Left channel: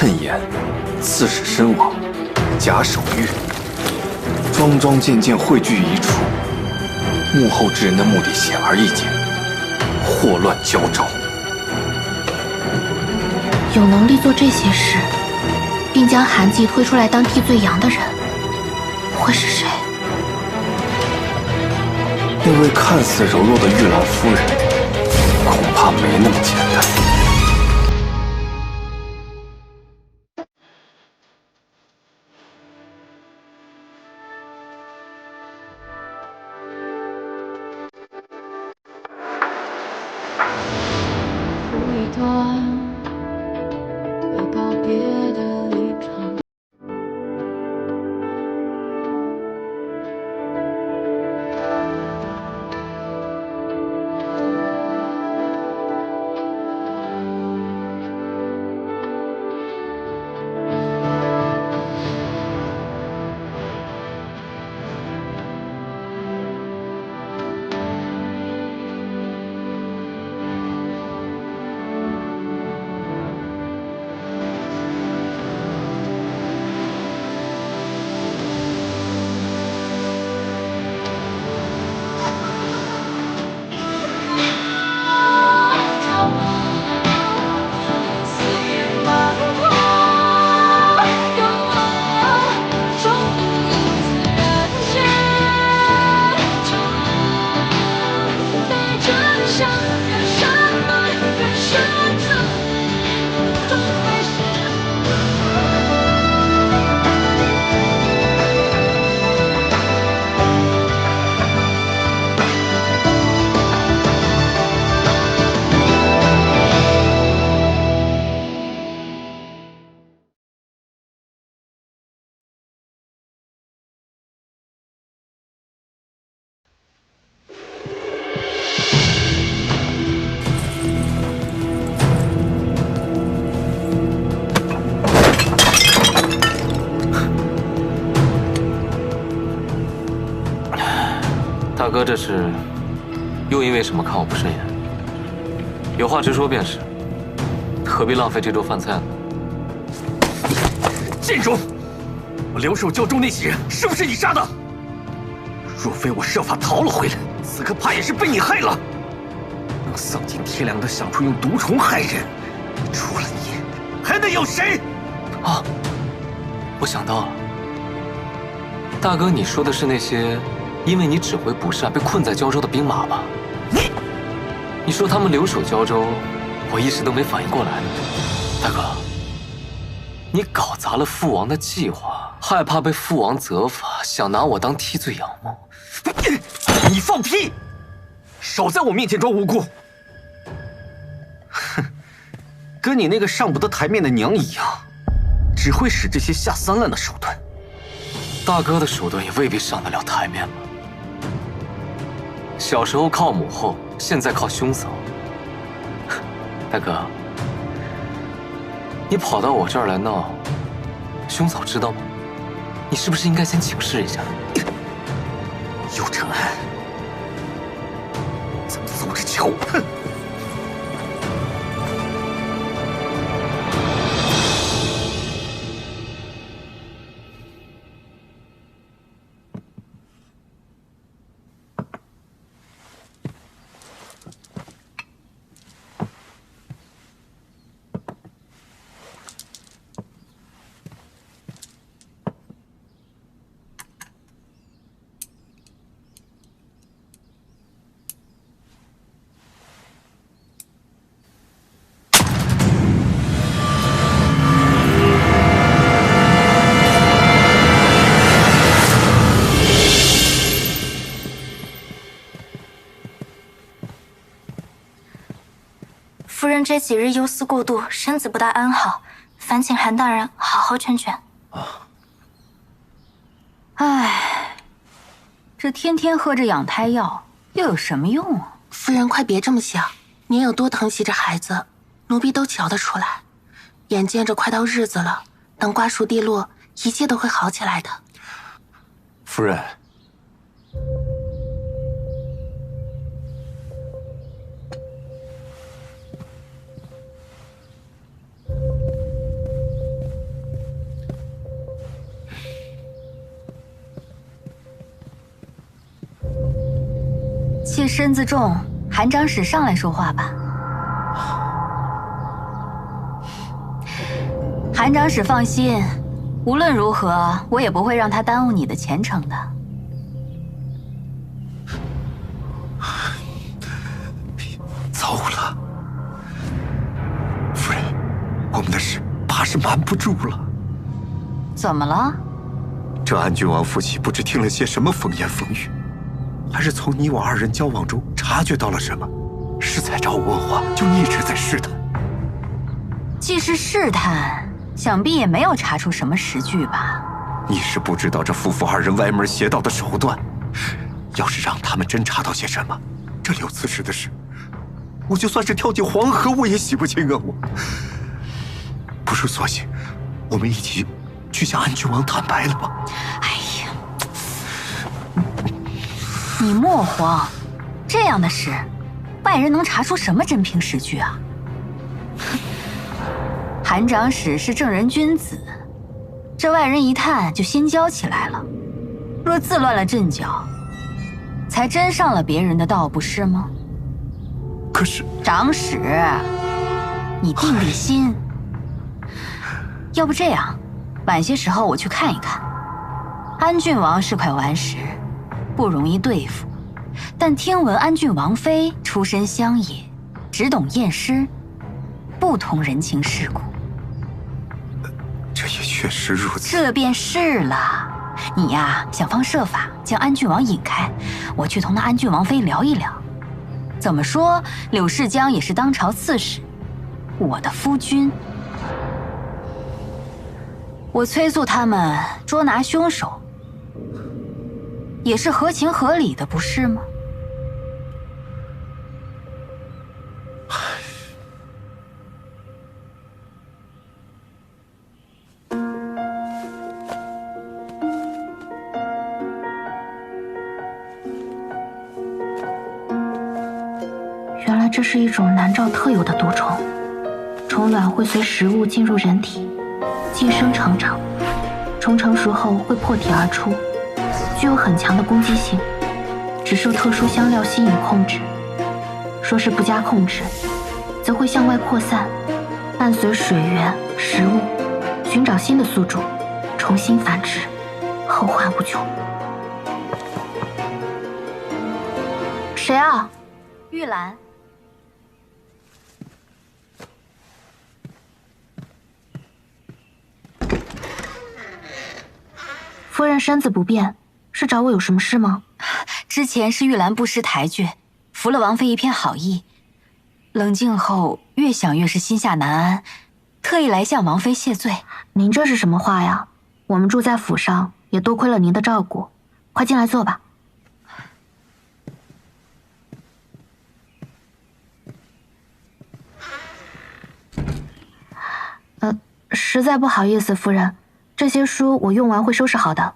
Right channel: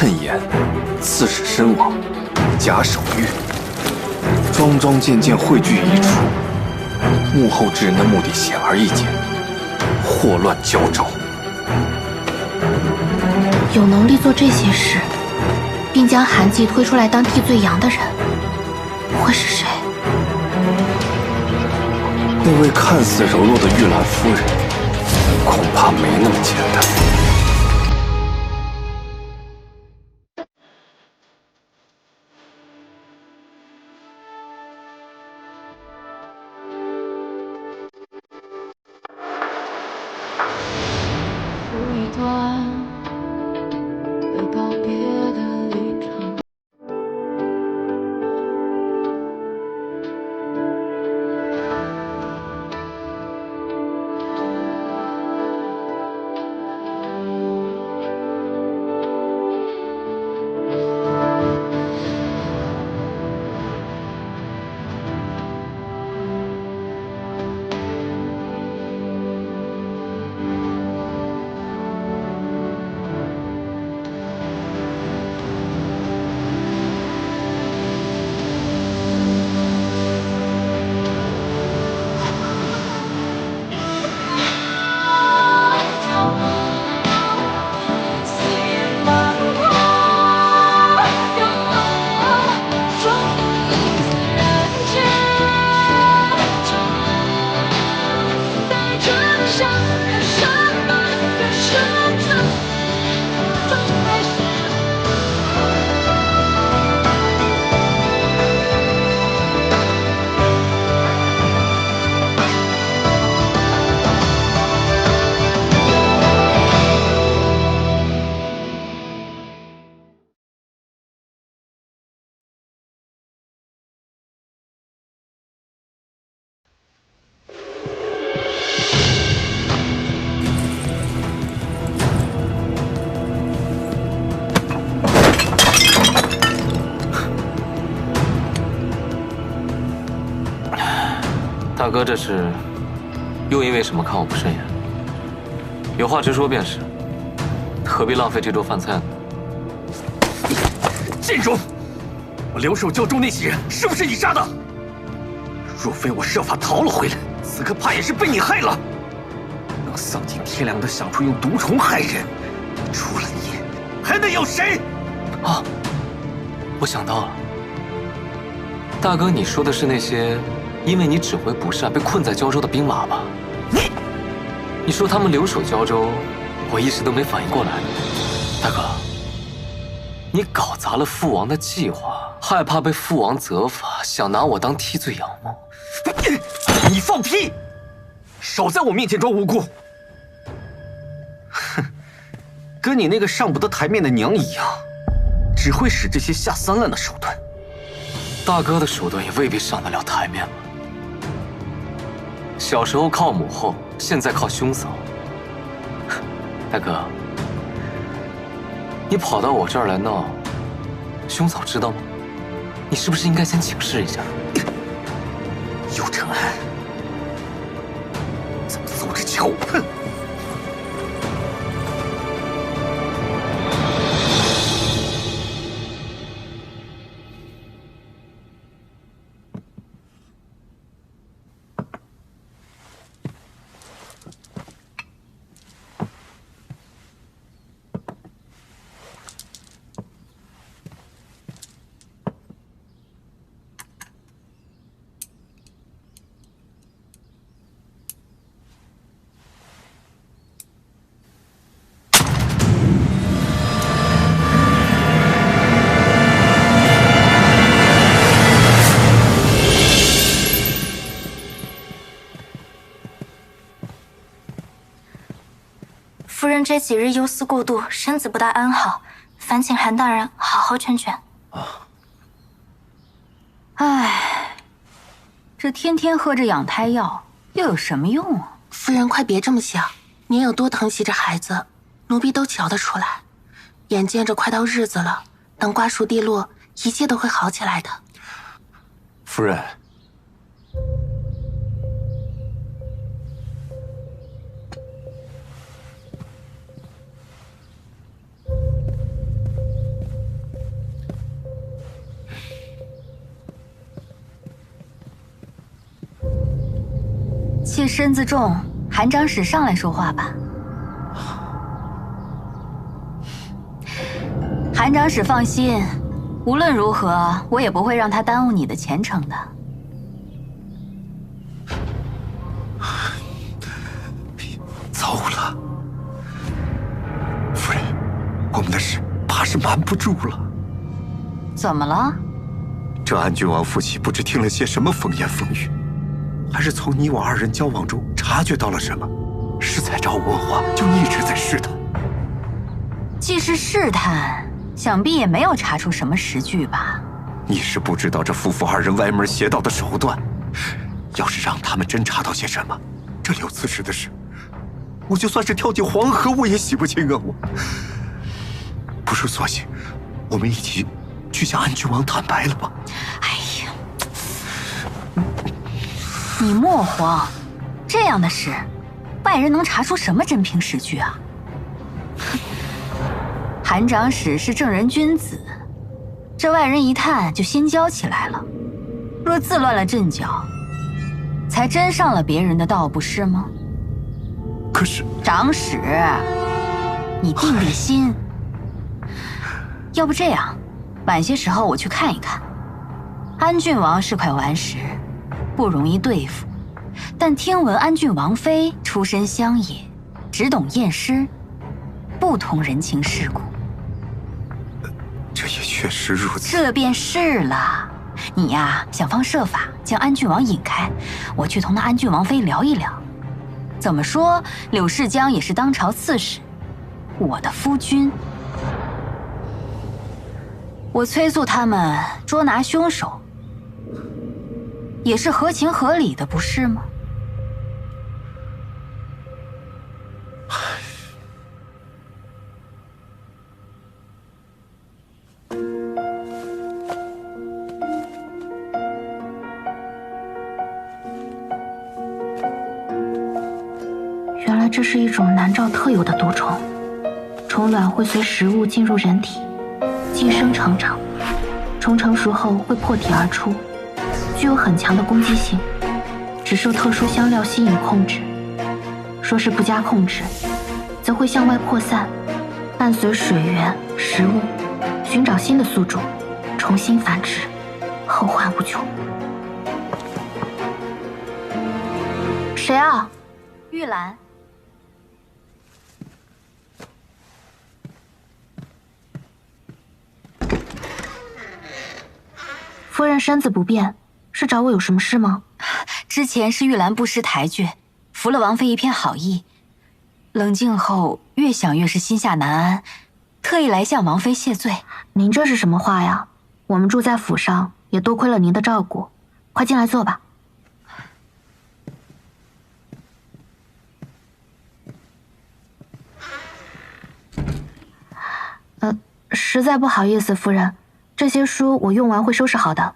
趁言，刺史身亡，假手谕，桩桩件件汇聚一处，幕后之人的目的显而易见，祸乱交招。有能力做这些事，并将韩季推出来当替罪羊的人，会是谁？那位看似柔弱的玉兰夫人，恐怕没那么简单。不一段会告别的旅程。大哥，这是又因为什么看我不顺眼？有话直说便是，何必浪费这桌饭菜呢？贱种！我留守胶州那些人是不是你杀的？若非我设法逃了回来，此刻怕也是被你害了。能丧尽天良的想出用毒虫害人，除了你，还能有谁？啊，我想到了，大哥，你说的是那些因为你指挥不善被困在胶州的兵马吧？你说他们留守胶州，我一时都没反应过来呢。大哥，你搞砸了父王的计划，害怕被父王责罚，想拿我当替罪羊吗？你放屁！少在我面前装无辜！哼，跟你那个上不得台面的娘一样，只会使这些下三滥的手段。大哥的手段也未必上得了台面吧？小时候靠母后，现在靠兄嫂。大哥，你跑到我这儿来闹，兄嫂知道吗？你是不是应该先请示一下？尤承安，咱们走着瞧！哼！夫人这几日忧思过度，身子不大安好，烦请韩大人好好劝劝。唉，这天天喝着养胎药又有什么用啊？夫人快别这么想，您有多疼惜这孩子，奴婢都瞧得出来。眼见着快到日子了，等瓜熟蒂落，一切都会好起来的。夫人，妾身子重，韩长史上来说话吧。韩长史放心，无论如何，我也不会让他耽误你的前程的。糟了，夫人，我们的事怕是瞒不住了。怎么了？这安郡王夫妻不知听了些什么风言风语，还是从你我二人交往中察觉到了什么，是在找我问话，就一直在试探。既是试探，想必也没有查出什么实据吧？你是不知道这夫妇二人歪门邪道的手段，要是让他们真查到些什么，这柳刺史的事，我就算是跳进黄河，我也洗不清啊！我不如索性，我们一起去向安郡王坦白了吧。哎呀，你莫慌，这样的事，外人能查出什么真凭实据啊？韩长史是正人君子，这外人一探就心焦起来了。若自乱了阵脚，才真上了别人的道，不是吗？可是长史，你定定心。要不这样，晚些时候我去看一看。安郡王是块顽石，不容易对付，但听闻安郡王妃出身乡野，只懂验尸，不通人情世故。这也确实如此。这便是了。你呀，想方设法将安郡王引开，我去同那安郡王妃聊一聊。怎么说，柳世江也是当朝刺史，我的夫君。我催促他们捉拿凶手，也是合情合理的，不是吗？原来这是一种南诏特有的毒虫，虫卵会随食物进入人体，寄生成长，虫成熟后会破体而出，具有很强的攻击性，只受特殊香料吸引控制。若是不加控制，则会向外扩散，伴随水源、食物，寻找新的宿主，重新繁殖，后患无穷。谁啊？玉兰。夫人身子不便，是找我有什么事吗？之前是玉兰不识抬举，服了王妃一片好意，冷静后越想越是心下难安，特意来向王妃谢罪。您这是什么话呀？我们住在府上，也多亏了您的照顾，快进来坐吧。实在不好意思，夫人，这些书我用完会收拾好的。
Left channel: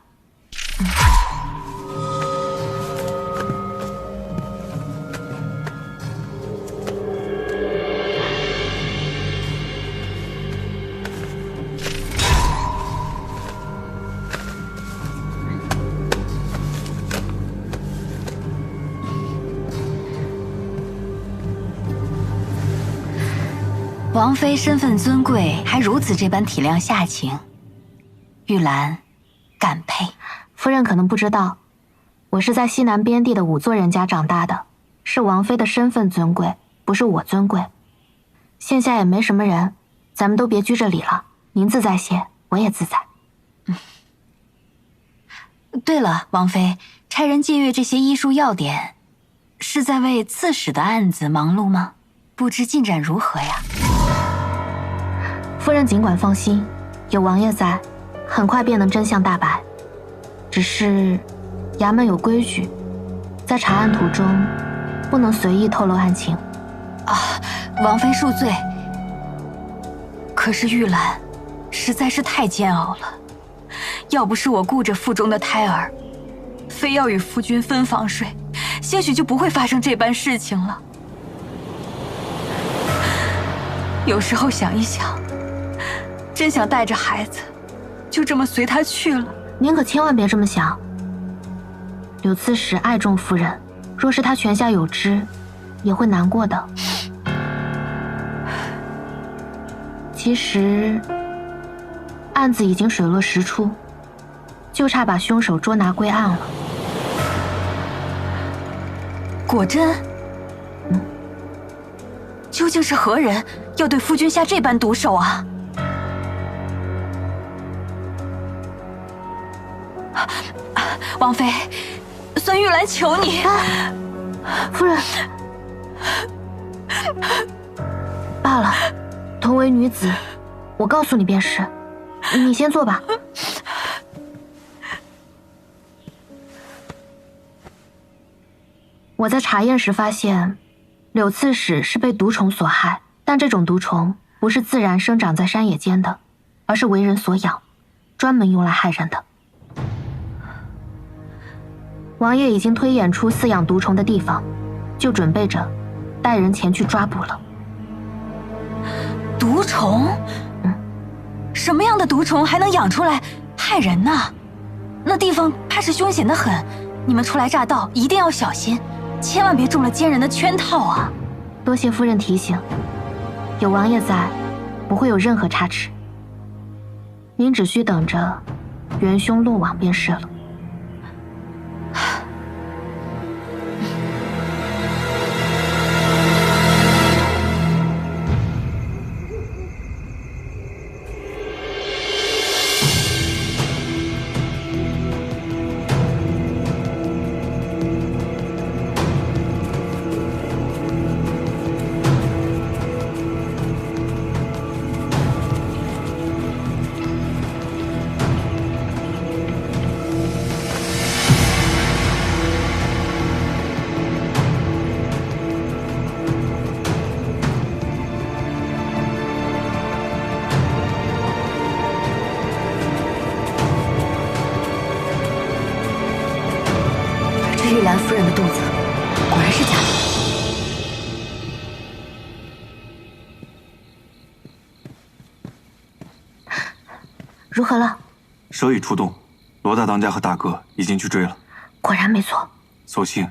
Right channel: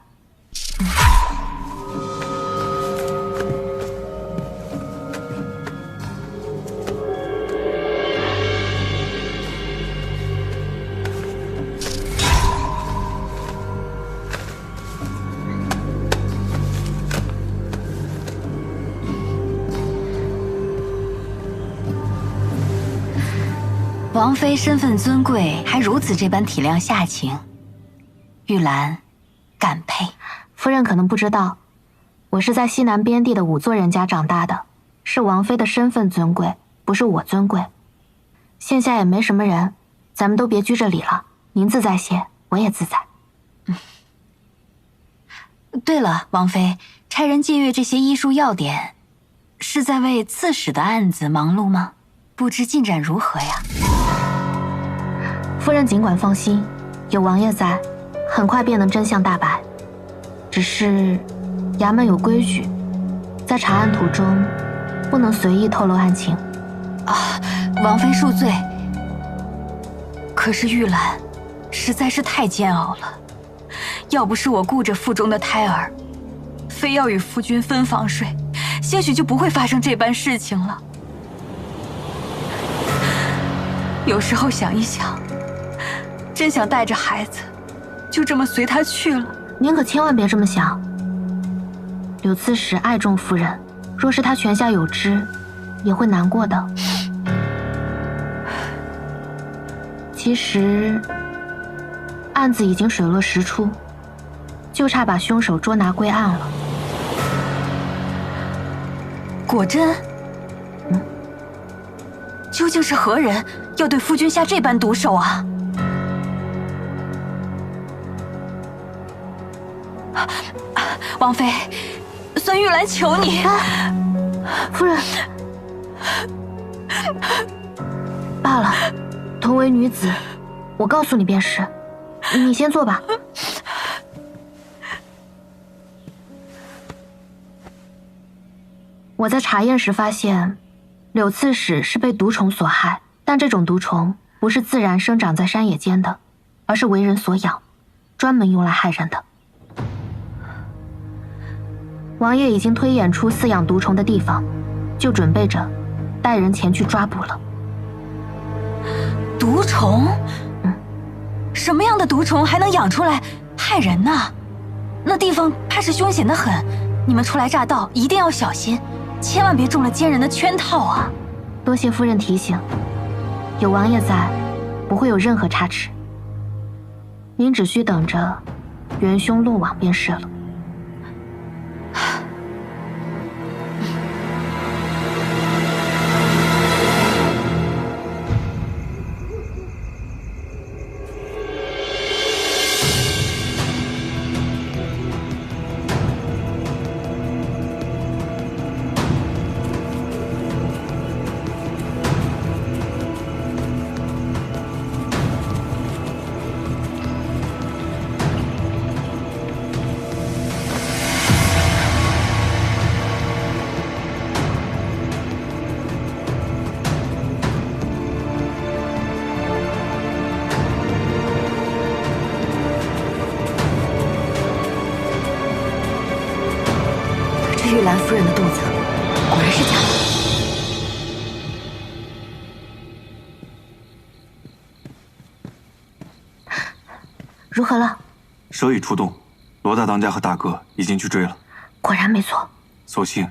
王妃身份尊贵，还如此这般体谅下情，玉兰感佩。夫人可能不知道，我是在西南边地的仵作人家长大的，是王妃的身份尊贵，不是我尊贵。现下也没什么人，咱们都别拘着礼了，您自在些，我也自在。对了，王妃，差人借阅这些医书要点，是在为刺史的案子忙碌吗？不知进展如何呀？夫人尽管放心，有王爷在，很快便能真相大白。只是衙门有规矩，在查案途中不能随意透露案情。啊，王妃恕罪。可是玉兰实在是太煎熬了，要不是我顾着腹中的胎儿，非要与夫君分房睡，兴许就不会发生这般事情了。有时候想一想，真想带着孩子，就这么随他去了。您可千万别这么想。柳刺史爱重夫人，若是他泉下有知，也会难过的。其实，案子已经水落石出，就差把凶手捉拿归案了。果真？究竟是何人要对夫君下这般毒手啊？王妃，孙玉兰求你，夫人。罢了，同为女子，我告诉你便是。你先坐吧。我在查验时发现，柳刺史是被毒虫所害，但这种毒虫不是自然生长在山野间的，而是为人所养，专门用来害人的。王爷已经推演出饲养毒虫的地方，就准备着带人前去抓捕了。毒虫？什么样的毒虫还能养出来害人呢？那地方怕是凶险得很，你们初来乍到一定要小心，千万别中了奸人的圈套啊！多谢夫人提醒，有王爷在，不会有任何差池。您只需等着元凶落网便是了。这玉兰夫人的肚子果然是假的。如何了？蛇已出动，罗大当家和大哥已经去追了。果然没错。所幸，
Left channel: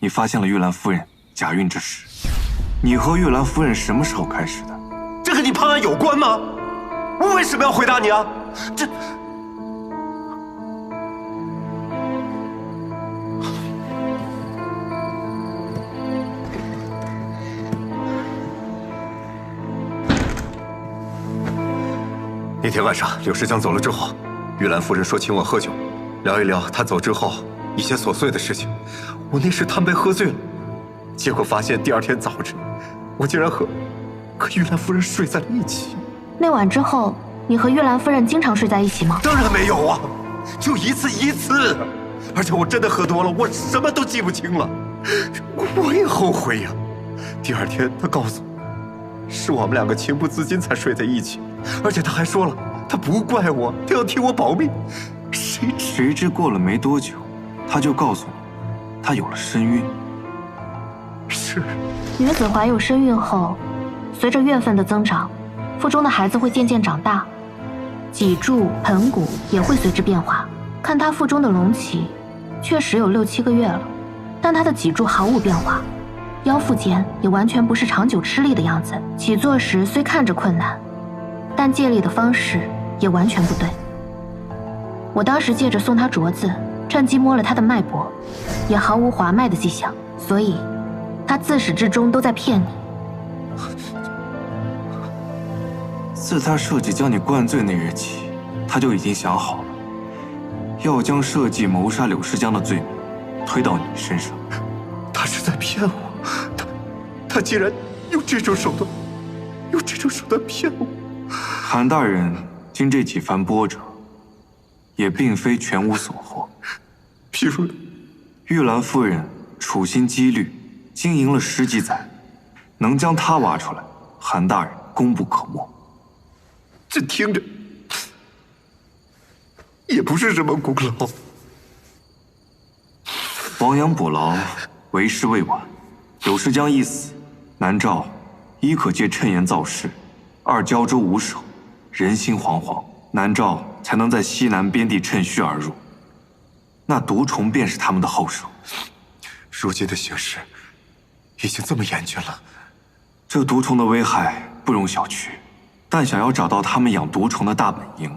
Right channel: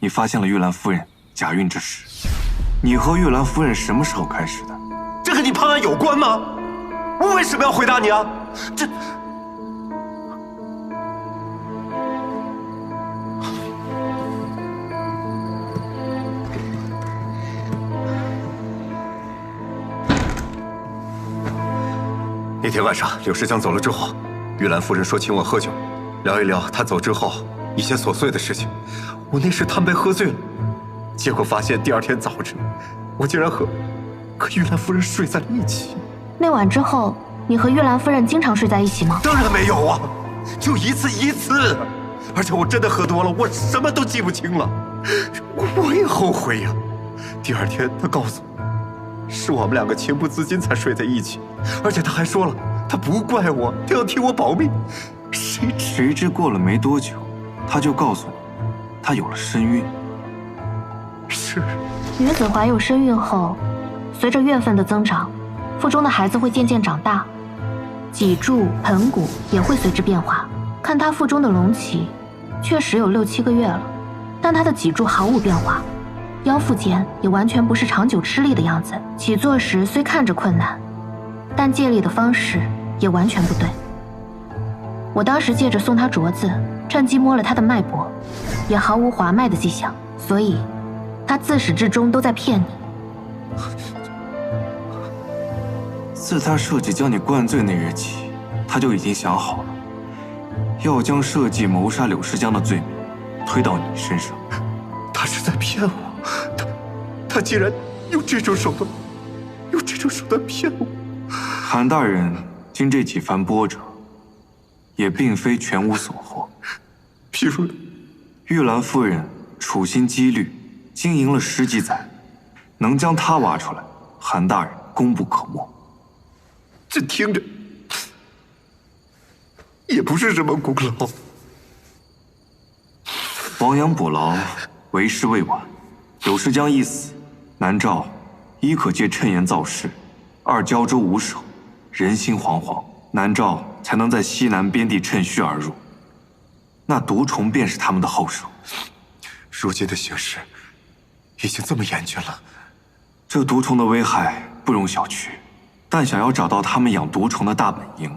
你发现了玉兰夫人假孕之事。你和玉兰夫人什么时候开始的？这跟你判案有关吗？我为什么要回答你啊？这……那天晚上，柳世江走了之后，玉兰夫人说请我喝酒，聊一聊他走之后一些琐碎的事情。我那时贪杯喝醉了，结果发现第二天早晨，我竟然和玉兰夫人睡在了一起。那晚之后，你和玉兰夫人经常睡在一起吗？当然没有啊，就一次。而且我真的喝多了，我什么都记不清了。我也后悔呀。第二天他告诉我，是我们两个情不自禁才睡在一起，而且他还说了，他不怪我，他要替我保密。谁知过了没多久，他就告诉你，他有了身孕。是。女子怀有身孕后，随着月份的增长，腹中的孩子会渐渐长大，脊柱、盆骨也会随之变化。看她腹中的隆起，确实有6、7个月了，但她的脊柱毫无变化，腰腹间也完全不是长久吃力的样子。起坐时虽看着困难，但借力的方式也完全不对。我当时借着送她镯子，趁机摸了她的脉搏，也毫无滑脉的迹象，所以她自始至终都在骗你。自他设计将你灌醉那日起，他就已经想好了，要将设计谋杀柳世江的罪名推到你身上。他是在骗我，他竟然用这种手段骗我。韩大人经这几番波折，也并非全无所获。譬如，玉兰夫人处心积虑经营了10几载，能将她挖出来，韩大人功不可没。这听着也不是什么功劳。亡羊补牢，为时未晚。柳世江一死，南诏一可借谶言造势，二胶州无守，人心惶惶，南诏才能在西南边地趁虚而入。那毒虫便是他们的后手。如今的形势已经这么严峻了，这毒虫的危害不容小觑，但想要找到他们养毒虫的大本营，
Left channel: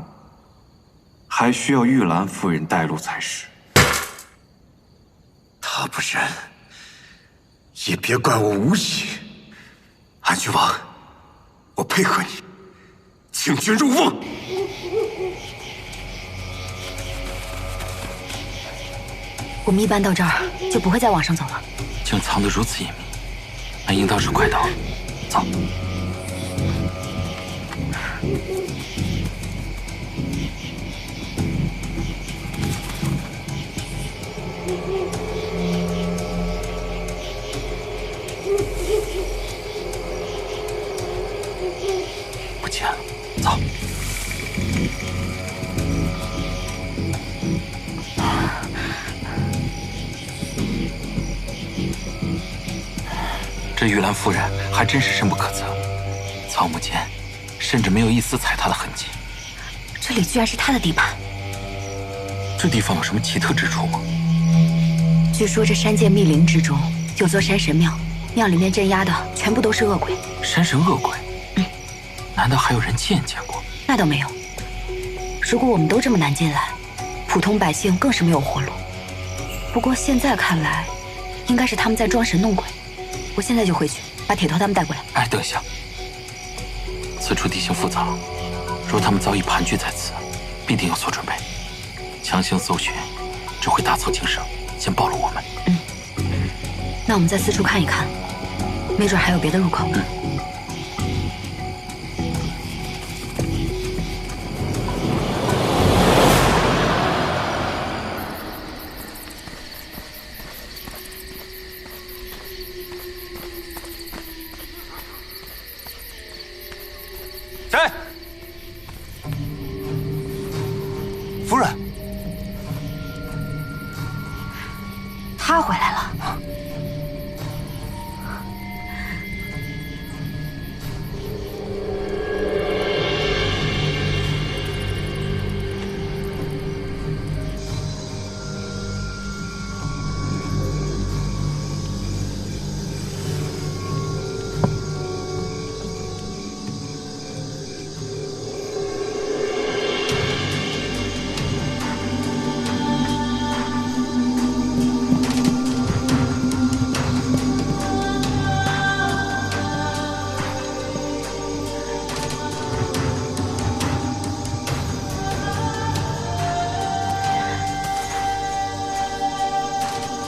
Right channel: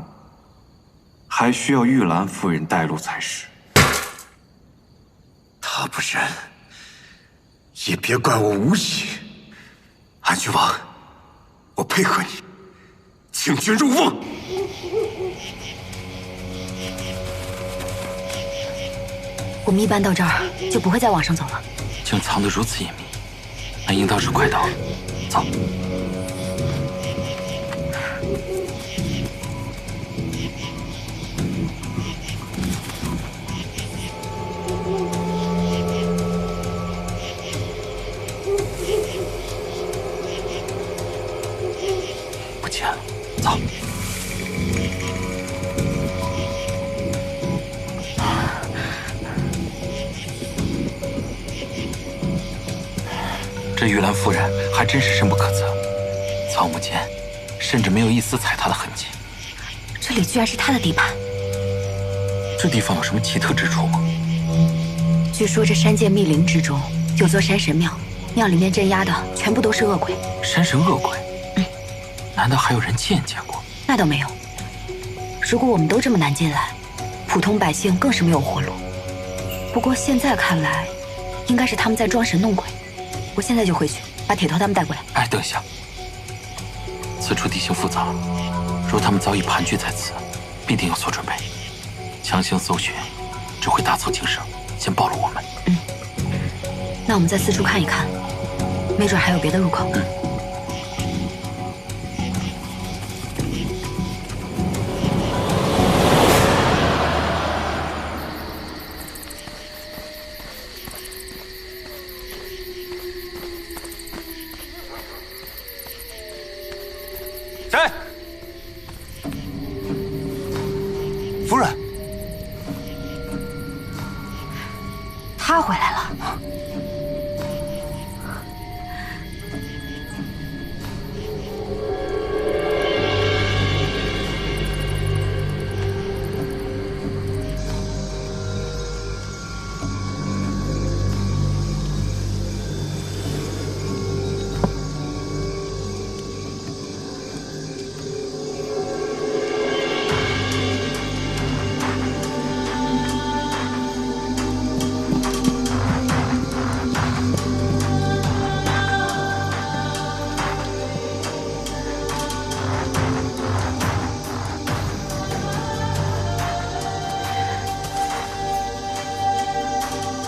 还需要玉兰夫人带路才是。他不仁，也别怪我无礼。安郡王，我配合你，请君入瓮。我们一般到这儿就不会再往上走了。竟藏得如此隐秘，那应当是快到了。走。不见了，走。这玉兰夫人还真是深不可测，草木间甚至没有一丝踩踏的痕迹。这里居然是他的地盘。这地方有什么奇特之处吗？据说这山涧密林之中有座山神庙，庙里面镇压的全部都是恶鬼。山神恶鬼？难道还有人亲眼见过？那倒没有。如果我们都这么难进来，普通百姓更是没有活路。不过现在看来，应该是他们在装神弄鬼。我现在就回去把铁头他们带过来。哎，等一下，此处地形复杂，若他们早已盘踞在此，必定有所准备。强行搜寻，只会大错情伤，先暴露我们。那我们再四处看一看，没准还有别的入口。谁？夫人，他回来了。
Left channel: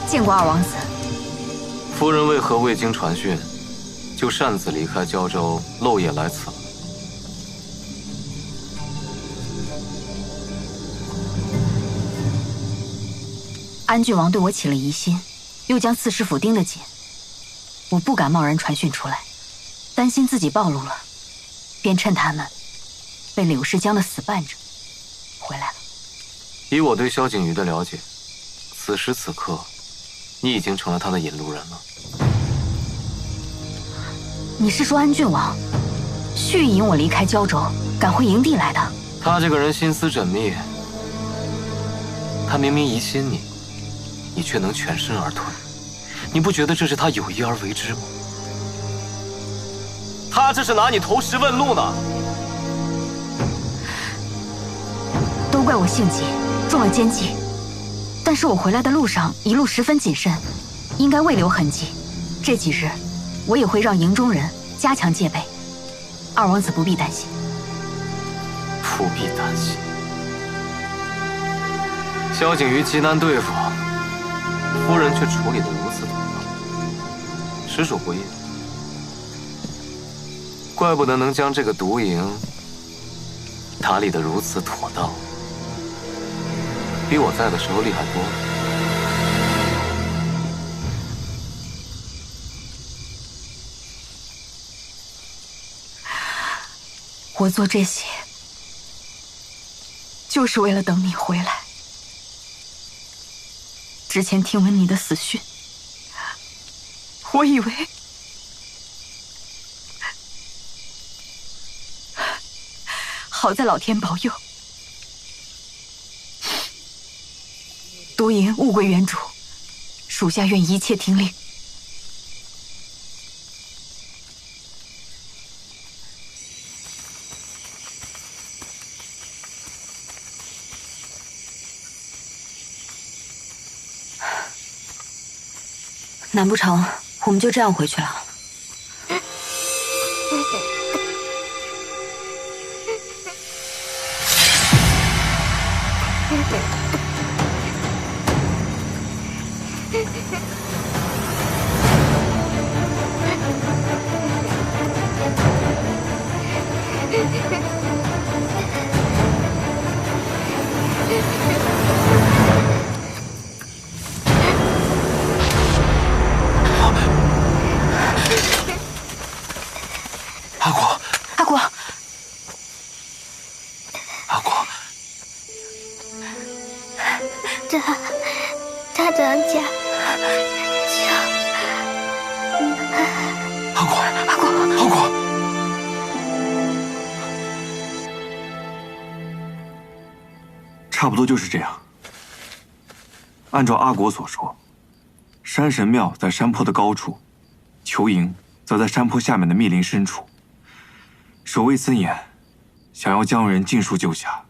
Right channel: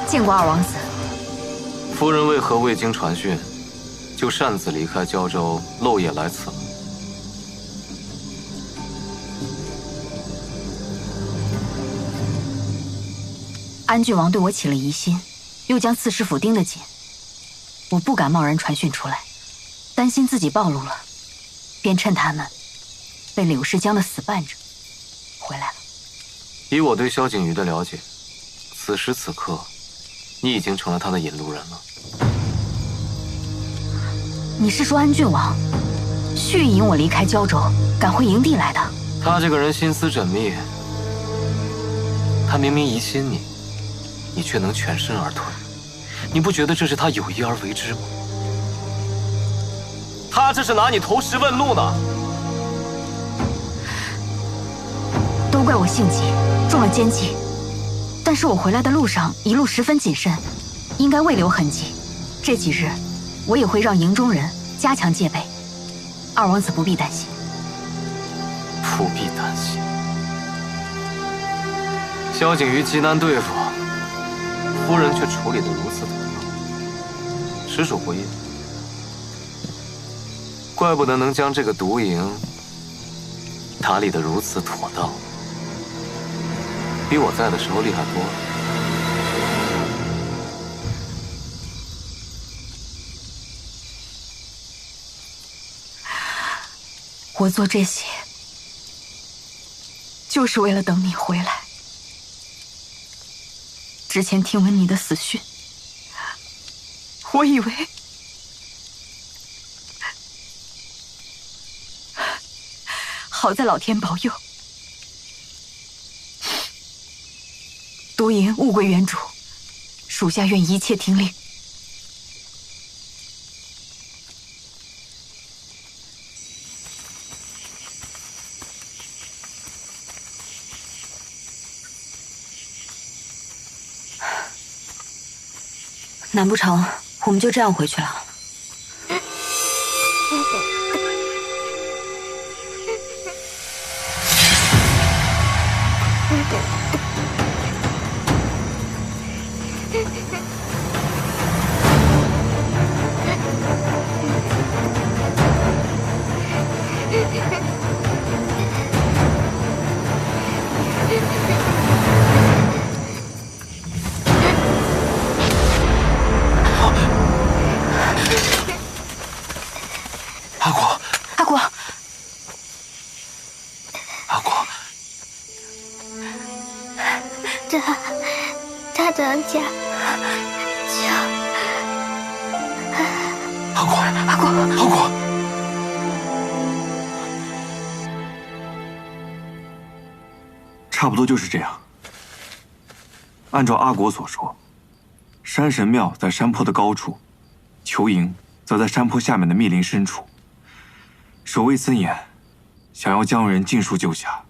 见过二王子。夫人为何未经传讯，就擅自离开胶州，漏夜来此了？安郡王对我起了疑心，又将刺史府盯得紧，我不敢贸然传讯出来，担心自己暴露了，便趁他们被柳世江的死绊着，回来了。以我对萧景瑜的了解，此时此刻，你已经成了他的引路人了。你是说安郡王蓄意引我离开胶州，赶回营地来的？他这个人心思缜密，他明明疑心你，你却能全身而退，你不觉得这是他有意而为之吗？他这是拿你投石问路呢。都怪我性急，中了奸计。但是我回来的路上一路十分谨慎，应该未留痕迹。这几日，我也会让营中人加强戒备，二王子不必担心。不必担心。萧景瑜极难对付，夫人却处理得如此妥当，实属不易。怪不得能将这个毒营打理得如此妥当，比我在的时候厉害多了。我做这些，就是为了等你回来。之前听闻你的死讯，我以为好在老天保佑，毒营物归原主，属下愿一切听令。难不成我们就这样回去了？阿果，阿果，阿果，大当家，阿果，阿果，阿果，差不多就是这样。按照阿果所说，山神庙在山坡的高处，裘营则在山坡下面的密林深处。守卫森严，想要将人尽数救下，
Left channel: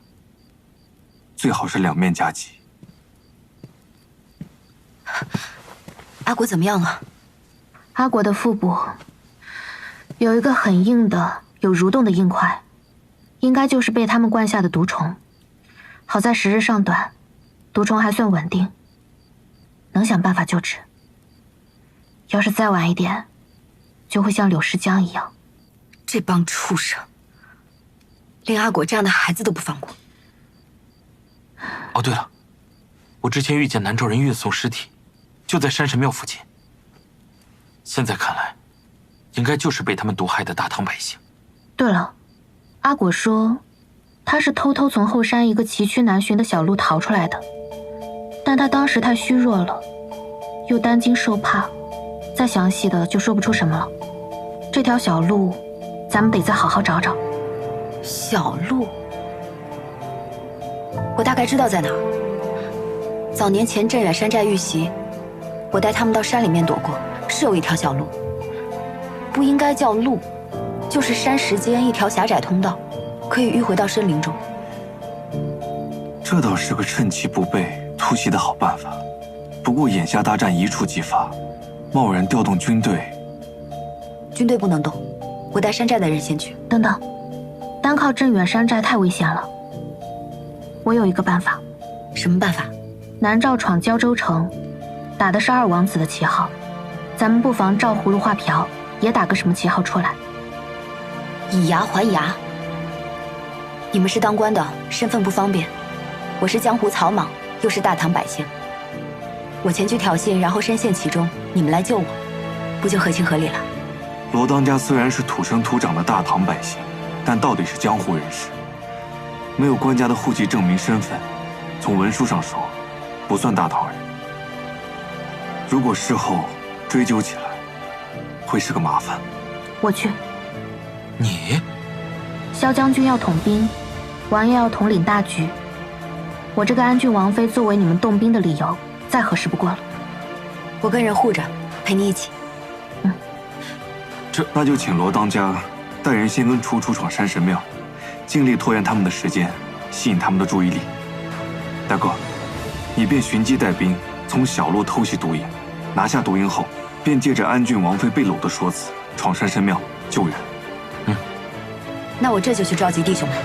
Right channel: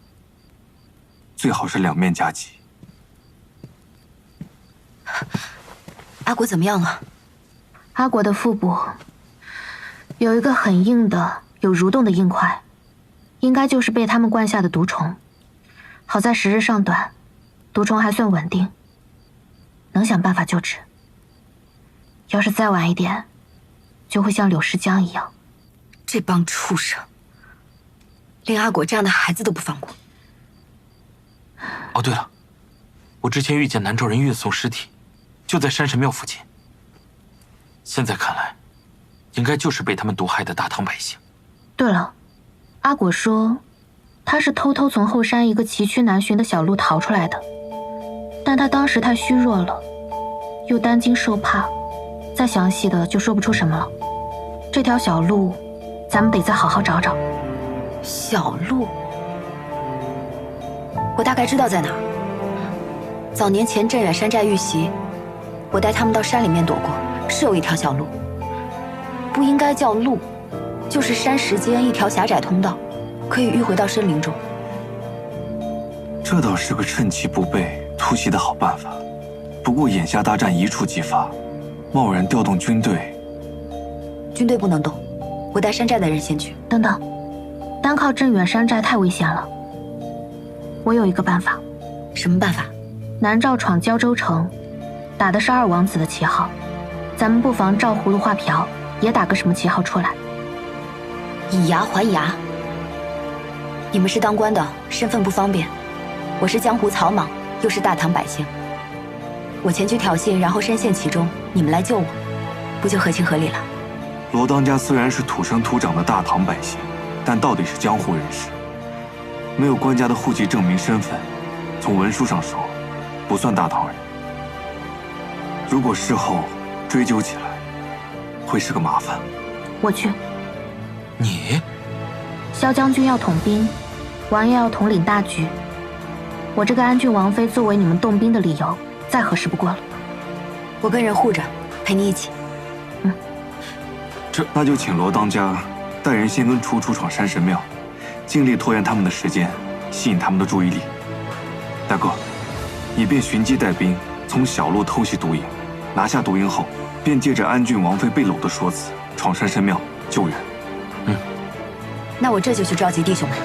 最好是两面夹击。阿果怎么样了？阿果的腹部有一个很硬的、有蠕动的硬块，应该就是被他们灌下的毒虫。好在时日尚短，毒虫还算稳定，能想办法救治。要是再晚一点，就会像柳诗江一样。这帮畜生，连阿果这样的孩子都不放过。哦，对了，我之前遇见南诏人运送尸体，就在山神庙附近。现在看来，应该就是被他们毒害的大唐百姓。对了，阿果说，他是偷偷从后山一个崎岖难寻的小路逃出来的，但他当时太虚弱了，又担惊受怕，再详细的就说不出什么了。这条小路，咱们得再好好找找。小路，我大概知道在哪儿。早年前镇远山寨遇袭，我带他们到山里面躲过，是有一条小路，不应该叫路，就是山石间一条狭窄通道，可以迂回到森林中。这倒是个趁其不备突袭的好办法。不过眼下大战一触即发，贸然调动军队，军队不能动，我带山寨的人先去。等等，单靠镇远山寨太危险了。我有一个办法。什么办法？南诏闯胶州城，打的是二王子的旗号，咱们不妨照葫芦画瓢，也打个什么旗号出来。以牙还牙。你们是当官的，身份不方便；我是江湖草莽，又是大唐百姓。我前去挑衅，然后深陷其中，你们来救我，不就合情合理了？罗当家虽然是土生土长的大唐百姓，但到底是江湖人士，没有官家的户籍证明身份，从文书上说，不算大唐人。如果事后追究起来，会是个麻烦。我去。你？萧将军要统兵，王爷要统领大局。我这个安郡王妃作为你们动兵的理由，再合适不过了。我跟人护着，陪你一起。那就请罗当家带人先跟楚楚闯山神庙，尽力拖延他们的时间，吸引他们的注意力。大哥，你便寻机带兵，从小路偷袭毒营，拿下毒营后，便借着安郡王妃被掳的说辞，闯山神庙救人。那我这就去召集弟兄们。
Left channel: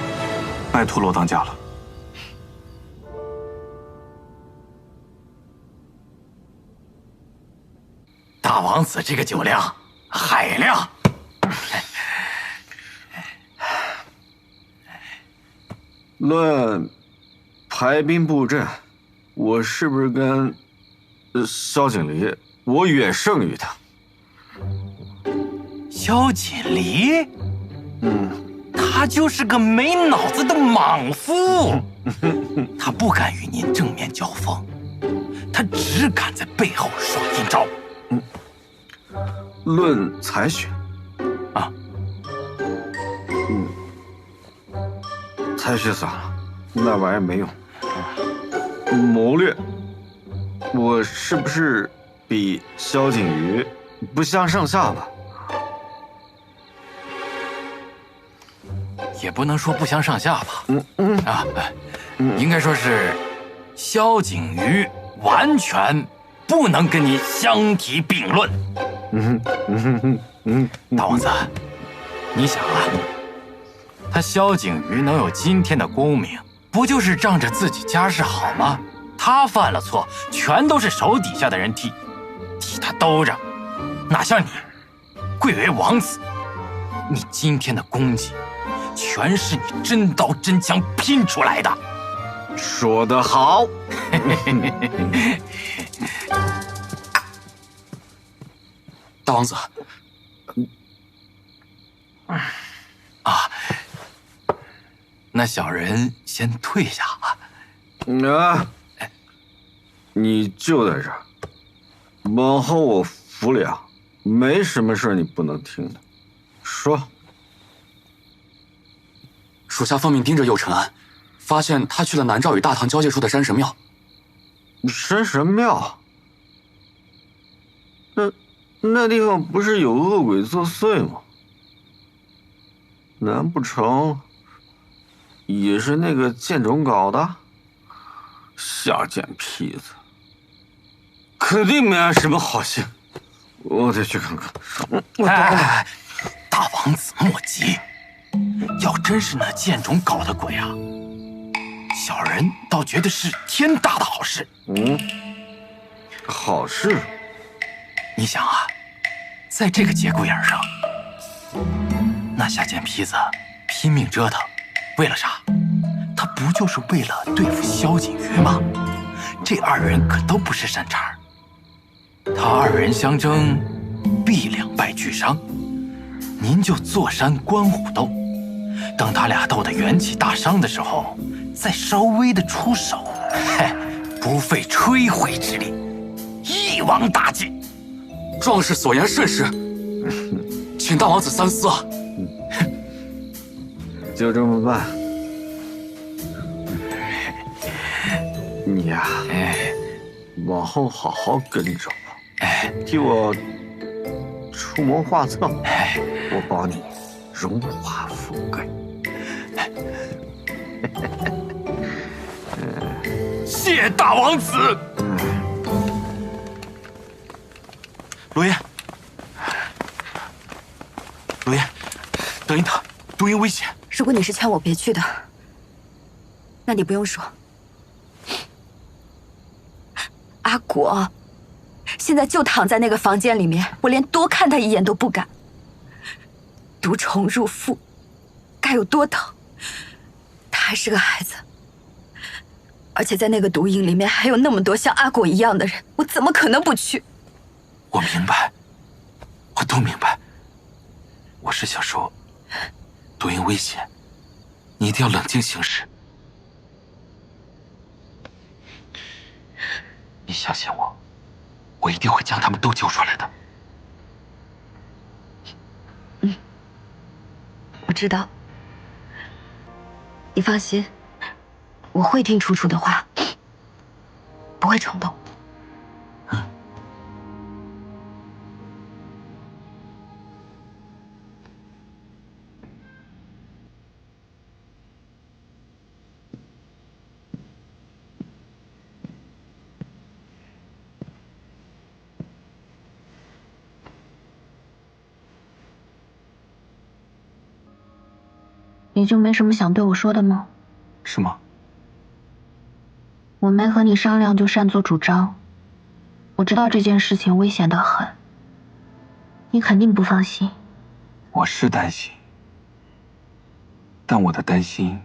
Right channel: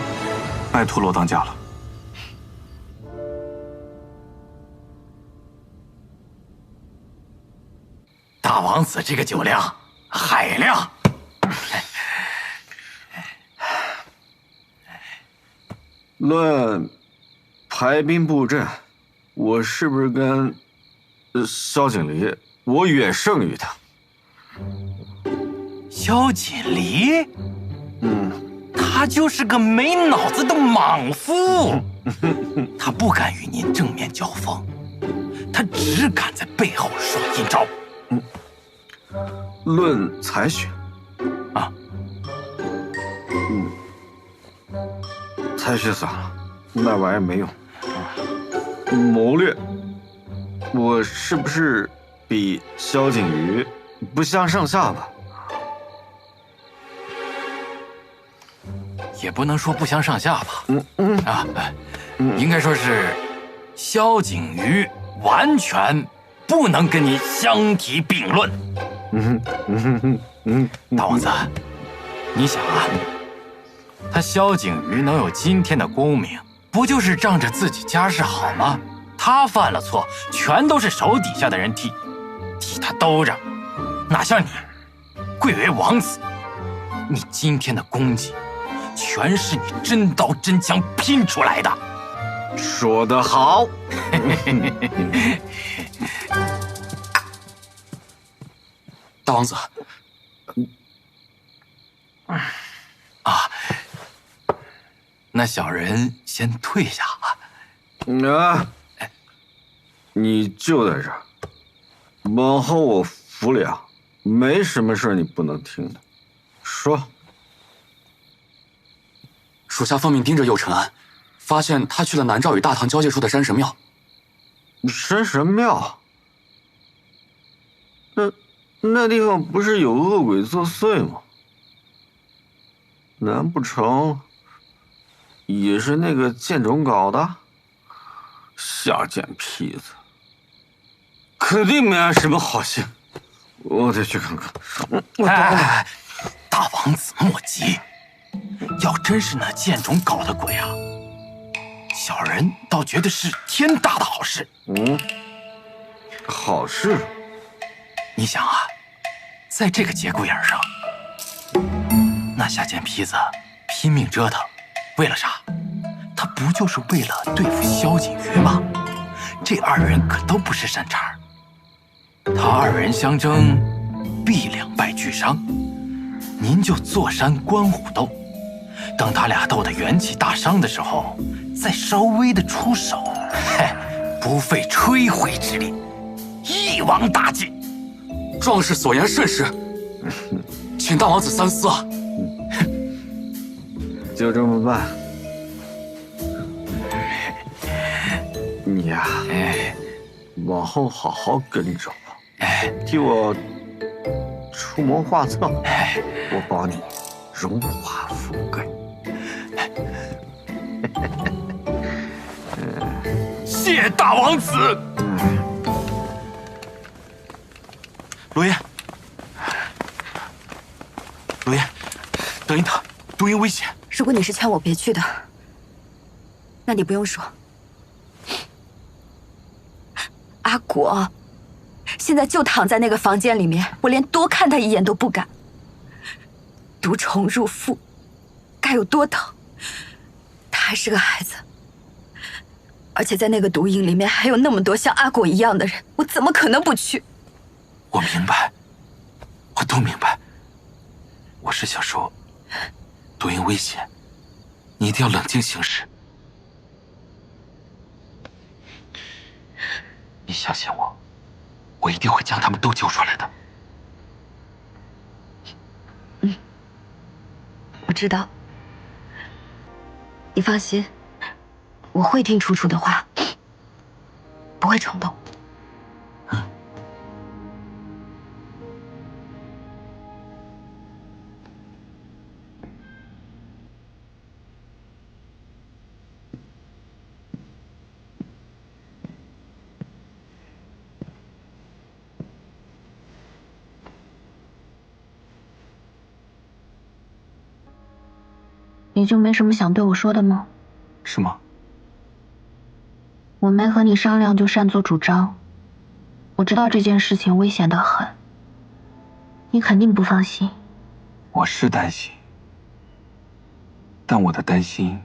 拜托罗当家了。大王子这个酒量海量。论排兵布阵，我是不是跟萧景离，我远胜于他？萧锦离？他就是个没脑子的莽夫，他不敢与您正面交锋，他只敢在背后耍阴招。论才学，才学算了，那玩意儿没用。谋略，我是不是比萧景瑜不相上下吧？也不能说不相上下吧。应该说是萧景瑜完全不能跟你相提并论。大王子，你想啊，他萧景瑜能有今天的功名，不就是仗着自己家世好吗？他犯了错，全都是手底下的人替他兜着，哪像你，贵为王子，你今天的功绩，全是你真刀真枪拼出来的。说得好。大王子，那小人先退下吧。你就在这儿，往后我服了，没什么事你不能听的。说。属下奉命盯着右承安，发现他去了南诏与大唐交界处的山神庙。山神庙？那地方不是有恶鬼作祟吗？难不成也是那个剑种搞的？下贱坯子，肯定没安什么好心。我得去看看。大王子莫急，要真是那剑种搞的鬼啊，小人倒觉得是天大的好事。好事？你想啊，在这个节骨眼上，那下贱坯子拼命折腾，为了啥？他不就是为了对付萧景瑜吗？这二人可都不是善茬，他二人相争，必两败俱伤。您就坐山观虎斗，等他俩斗得元气大伤的时候，再稍微的出手，不费吹灰之力，一网打尽。壮士所言甚是，请大王子三思啊！就这么办。你呀，往后好好跟着我，替我出谋划策，我保你荣华富贵。谢大王子。罗烟，罗烟，等一等，毒营危险。如果你是劝我别去的，那你不用说。阿果现在就躺在那个房间里面，我连多看他一眼都不敢。毒虫入腹，该有多疼！他还是个孩子，而且在那个毒营里面还有那么多像阿果一样的人，我怎么可能不去？我明白，我都明白。我是想说，毒营危险，你一定要冷静行事。你相信我，我一定会将他们都救出来的。我知道，你放心，我会听楚楚的话，不会冲动。你就没什么想对我说的吗？是吗？我没和你商量就擅作主张，我知道这件事情危险得很，你肯定不放心。我是担心，但我的担心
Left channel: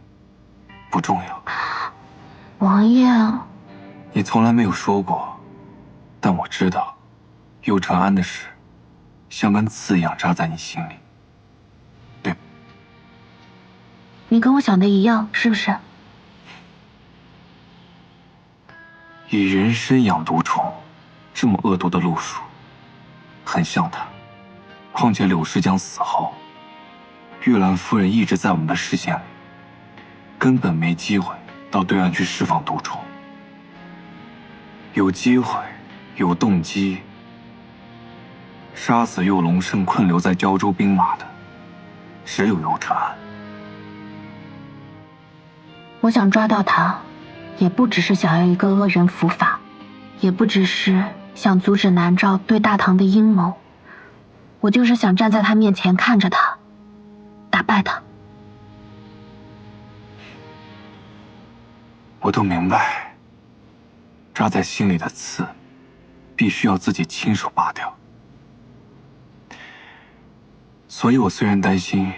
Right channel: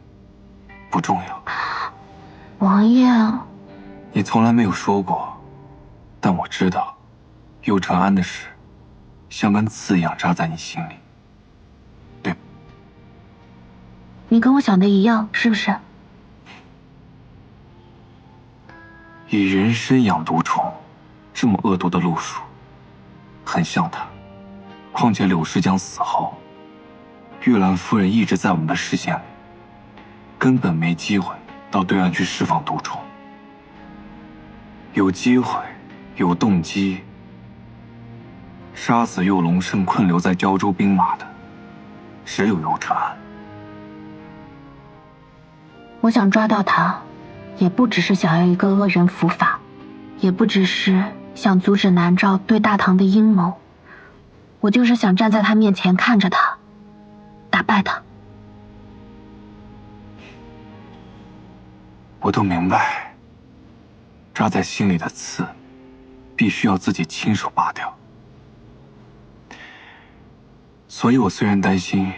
不重要。王爷，你从来没有说过，但我知道，右承安的事，像根刺一样扎在你心里。你跟我想的一样，是不是？以人参养毒虫，这么恶毒的路数，很像他。况且柳世江死后，玉兰夫人一直在我们的视线里，根本没机会到对岸去释放毒虫。有机会，有动机，杀死右龙胜困留在胶州兵马的，只有尤承安。我想抓到他，也不只是想要一个恶人伏法，也不只是想阻止南诏对大唐的阴谋，我就是想站在他面前看着他，打败他。我都明白，扎在心里的刺，必须要自己亲手拔掉。所以我虽然担心，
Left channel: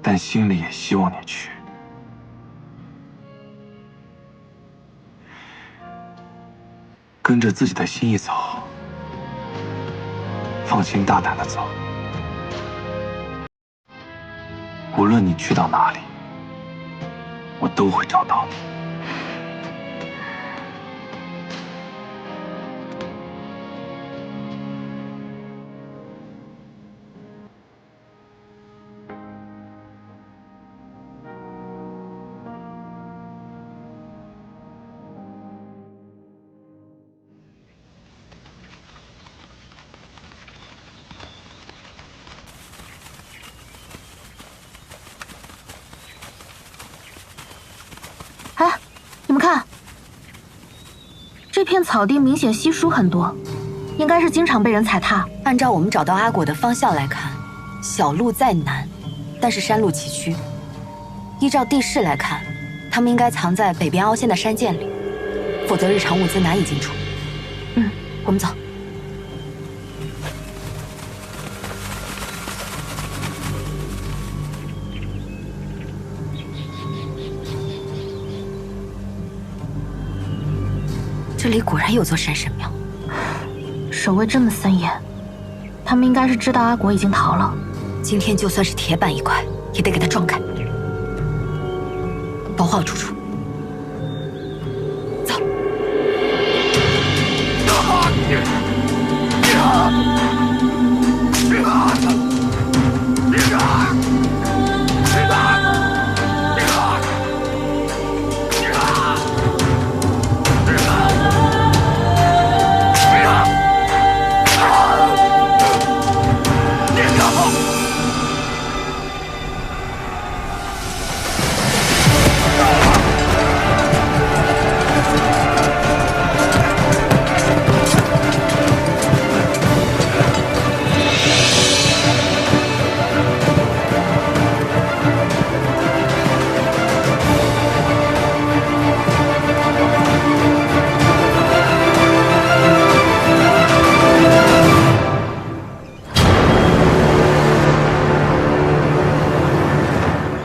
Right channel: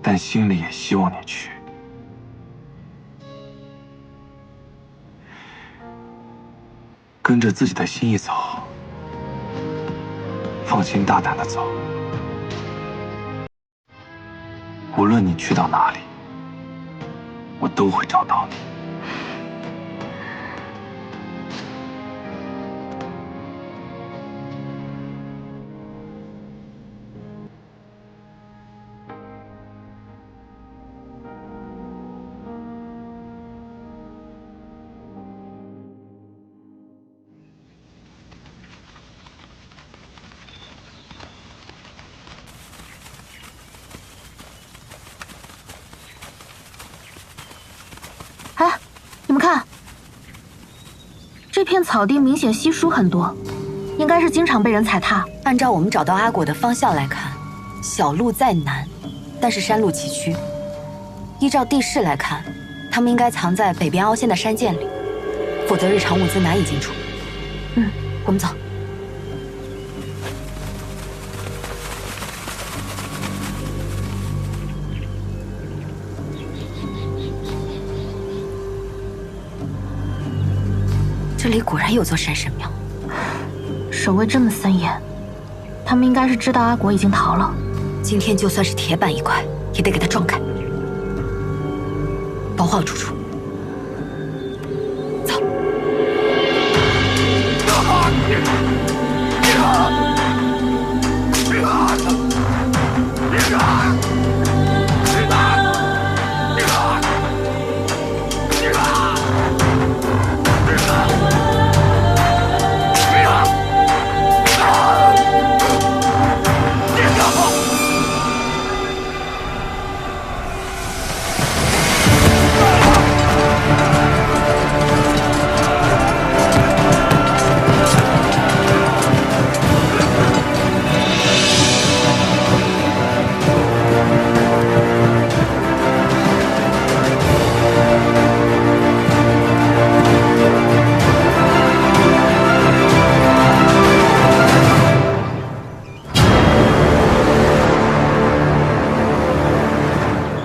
但心里也希望你去。跟着自己的心意走，放心大胆的走。无论你去到哪里，我都会找到你。哎，你们看，这片草地明显稀疏很多，应该是经常被人踩踏。按照我们找到阿果的方向来看，小路再难，但是山路崎岖。依照地势来看，他们应该藏在北边凹陷的山涧里，否则日常物资难以进出。我们走。这里果然有座山神庙，守卫这么森严，他们应该是知道阿果已经逃了。今天就算是铁板一块，也得给他撞开，保护好楚楚。走。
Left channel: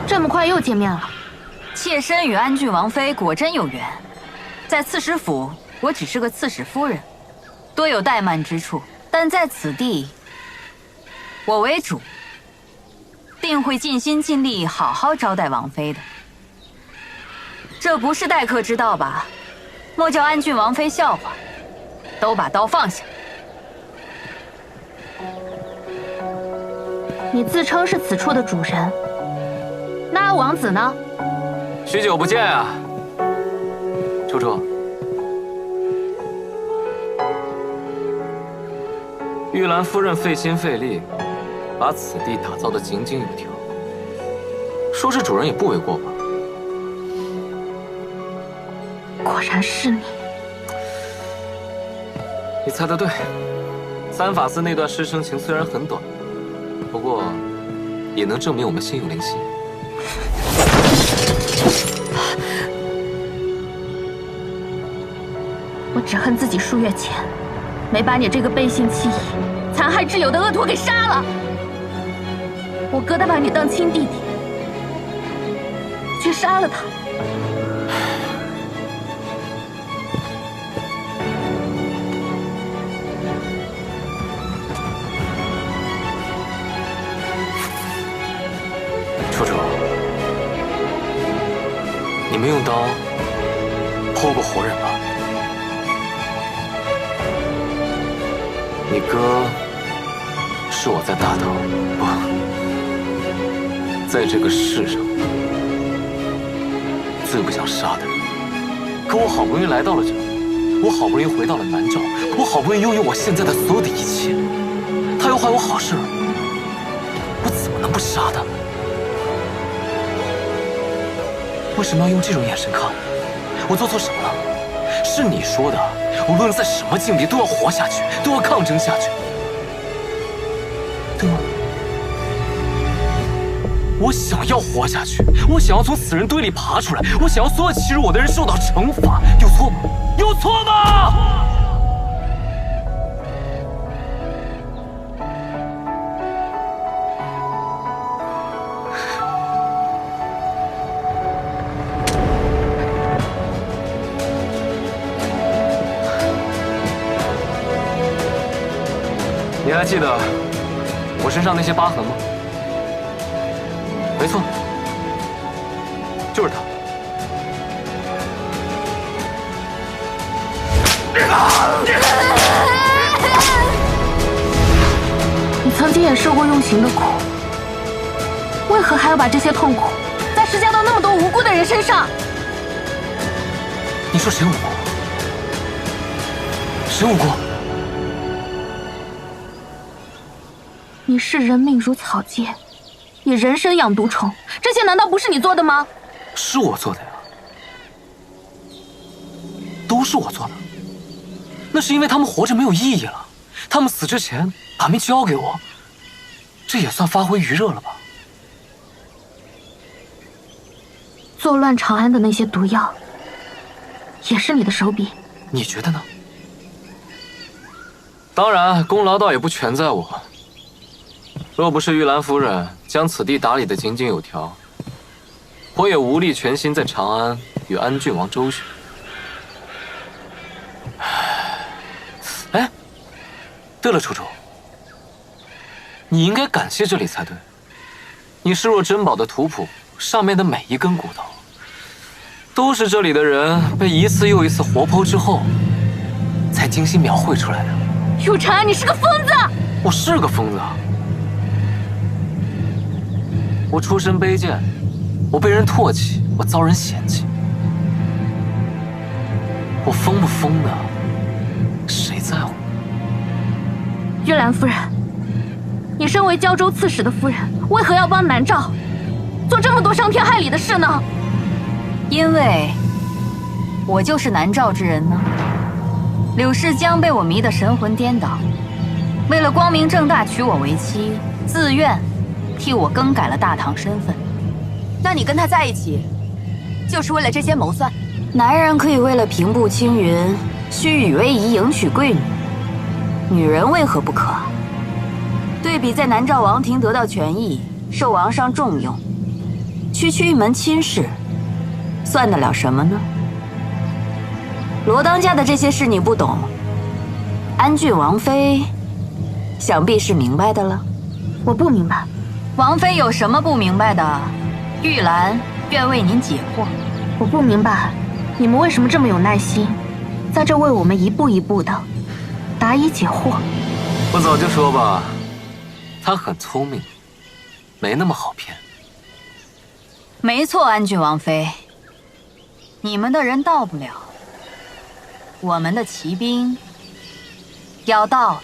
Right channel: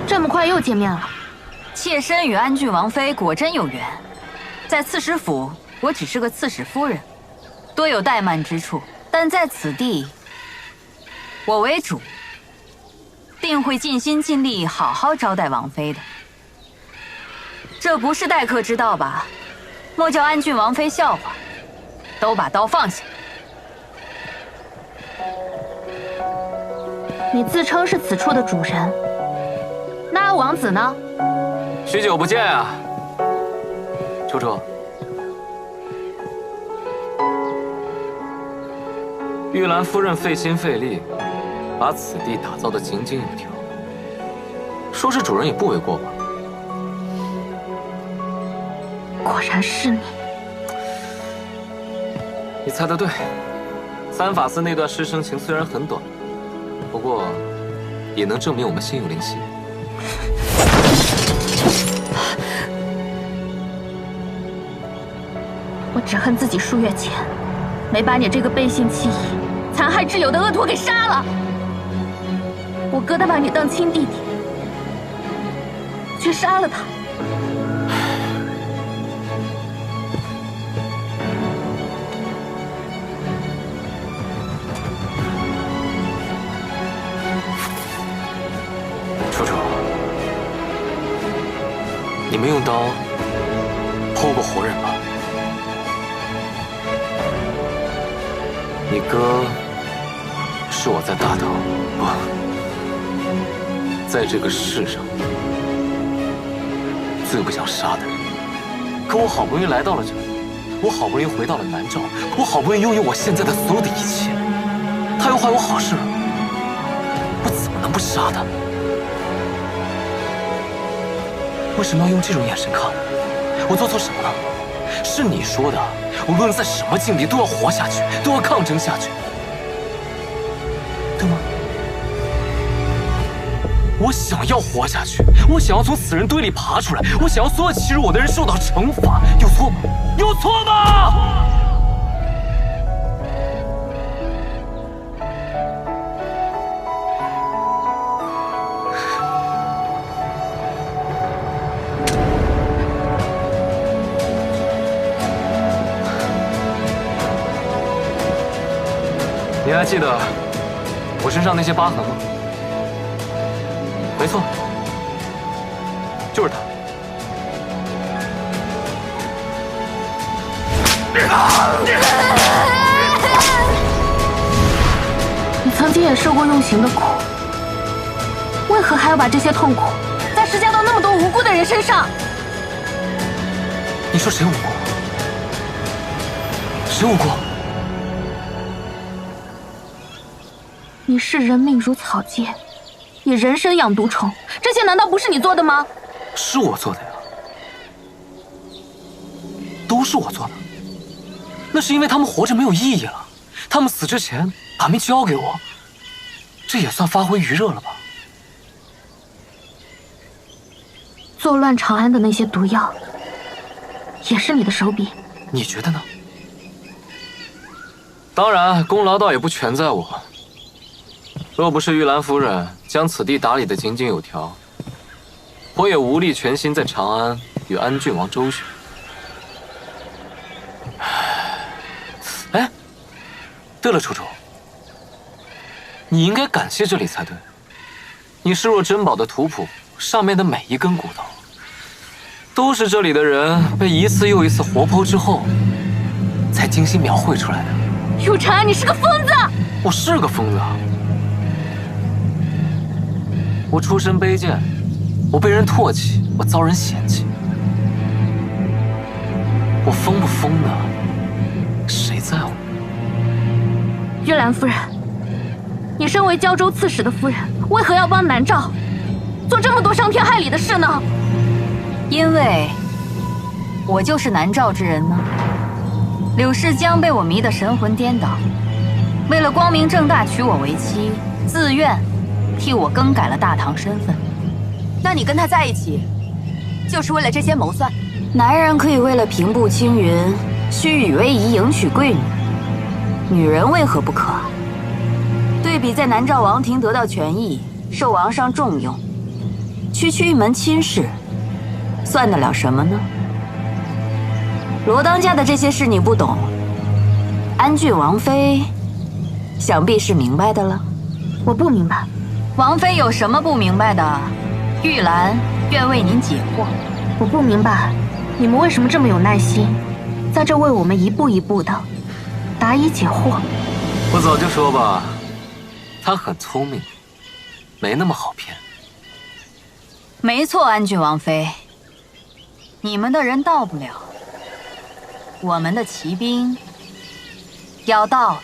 这么快又见面了，妾身与安郡王妃果真有缘。在刺史府，我只是个刺史夫人，多有怠慢之处，但在此地，我为主，定会尽心尽力好好招待王妃的。这不是待客之道吧？莫叫安郡王妃笑话。都把刀放下。你自称是此处的主人，那阿王子呢？许久不见啊，楚楚。玉兰夫人费心费力，把此地打造得井井有条，说是主人也不为过吧？果然是你。你猜得对，三法司那段师生情虽然很短，不过也能证明我们心有灵犀。我只恨自己数月前没把你这个背信弃义、残害挚友的恶徒给杀了。我疙瘩把你当亲弟弟，却杀了他。楚楚，你没用刀剖过活人吧？你哥是我在大唐，不，在这个世上最不想杀的人。可我好不容易来到了这里，我好不容易回到了南诏，我好不容易拥有我现在的所有的一切。他又坏我好事，我怎么能不杀他？为什么要用这种眼神看我？我做错什么了？是你说的，无论在什么境地都要活下去，都要抗争下去，对吗？我想要活下去，我想要从死人堆里爬出来，我想要所有欺辱我的人受到惩罚，有错吗？有错吗？你还记得我身上那些疤痕吗？没错，就是他。你曾经也受过用刑的苦，为何还要把这些痛苦再施加到那么多无辜的人身上？你说谁无辜？谁无辜？你视人命如草芥，以人参养毒虫，这些难道不是你做的吗？是我做的呀，都是我做的。那是因为他们活着没有意义了，他们死之前把命交给我，这也算发挥余热了吧？作乱长安的那些毒药，也是你的手笔？你觉得呢？当然，功劳倒也不全在我。若不是玉兰夫人将此地打理得井井有条，我也无力全心在长安与安郡王周旋。哎，对了，楚楚，你应该感谢这里才对。你视若珍宝的图谱上面的每一根骨头，都是这里的人被一次又一次活剖之后，才精心描绘出来的。有禅，你是个疯子！我是个疯子啊！我出身卑贱，我被人唾弃，我遭人嫌弃。我疯不疯的，谁在乎？玉兰夫人，你身为胶州刺史的夫人，为何要帮南诏做这么多伤天害理的事呢？因为我就是南诏之人呢。柳世江被我迷得神魂颠倒，为了光明正大娶我为妻，自愿替我更改了大唐身份。那你跟他在一起，就是为了这些谋算？男人可以为了平步青云，虚与委蛇迎娶贵女，女人为何不可？对比在南诏王庭得到权益，受王上重用，区区一门亲事，算得了什么呢？罗当家的这些事你不懂，安郡王妃想必是明白的了。我不明白，王妃有什么不明白的？玉兰愿为您解惑。我不明白，你们为什么这么有耐心，在这为我们一步一步的答疑解惑？我早就说吧，他很聪明，没那么好骗。没错，安郡王妃，你们的人到不了，我们的骑兵要到了。